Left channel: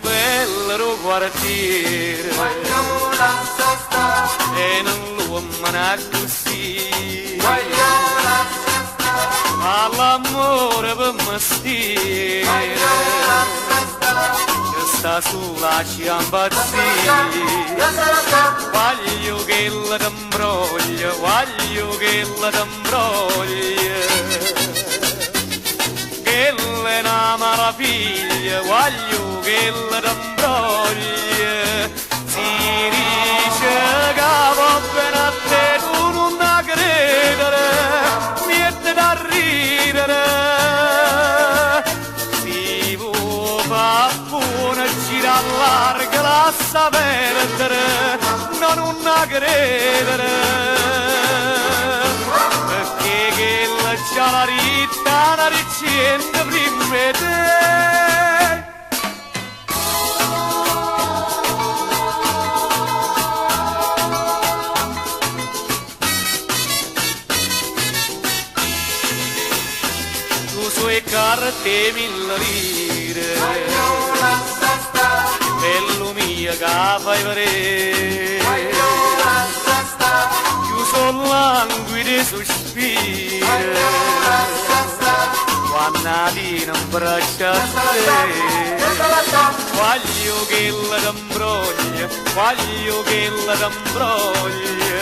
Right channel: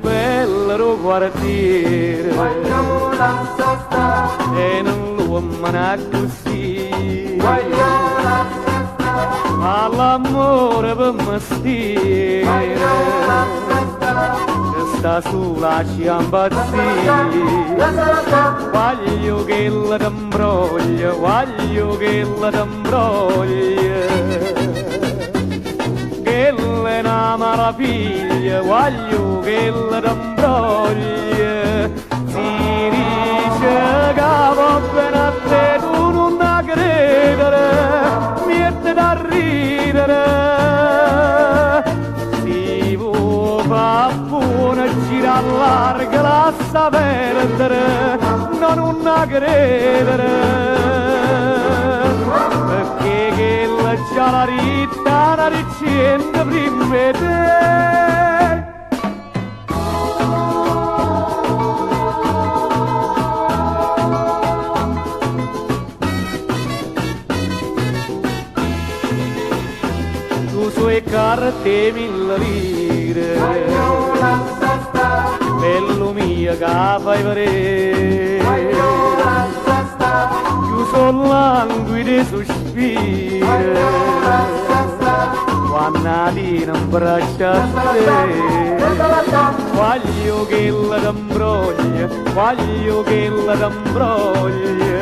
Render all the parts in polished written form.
bello quartiere voglio lascia stare, e non lo manà così, voglio lascia stare, all'amore per mestiere voglio lascia stare, che sta sulla ciambazia. Voglio che la t'imbroglia, voglio che la t'imbroglia, che la è una maraviglia, voglio che la t'imbroglia. Si dice che va bene a te, tu non da credere, niente da ridere. Si può fare buona, gira larga, lascia perdere, non da credere, perché che la già la ritta, la riccienda prima di te. Tu suoi carte 1000 lire, voglio lascia stare, bello mio che fai vedere, voglio lascia stare, chiuso languidi sospiri, voglio lascia stare, quando ti non braccia a te. Voglio che la t'imbroglia, voglio che la t'imbroglia,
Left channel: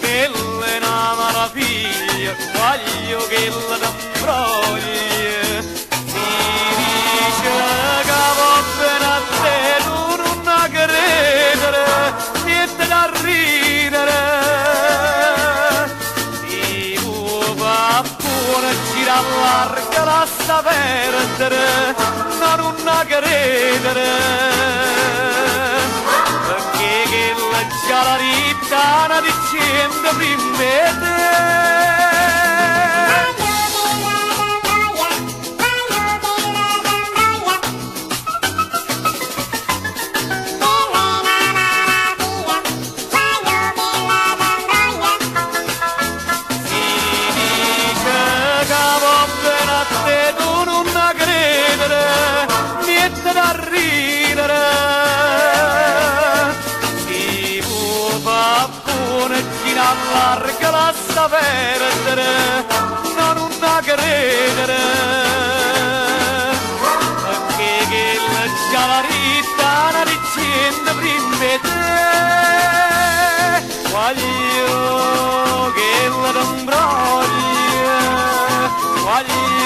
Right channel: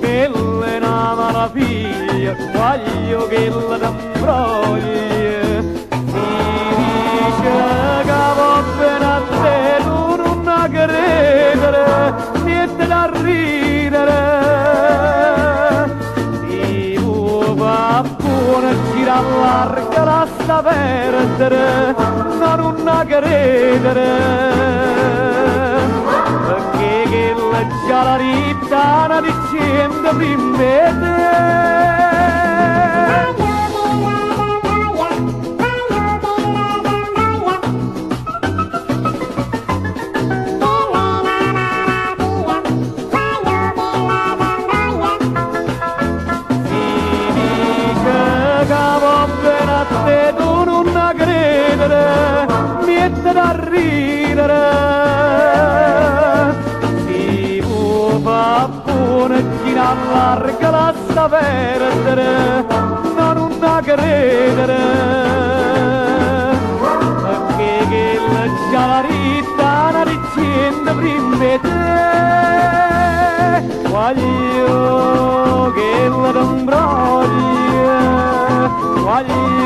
che la è una maraviglia, voglio che la t'imbroglia. Si dice che va bene a te, tu non da credere, niente da ridere. Si può fare buona, gira larga, lascia perdere, non da credere, perché che la già la ritta, la dicendo prima di te. Niente da ridere, si può fare buona, gira larga, lascia perdere, non da credere, perché che la già la ritta, la dicendo prima di te. Voglio che la t'imbroglia, voglio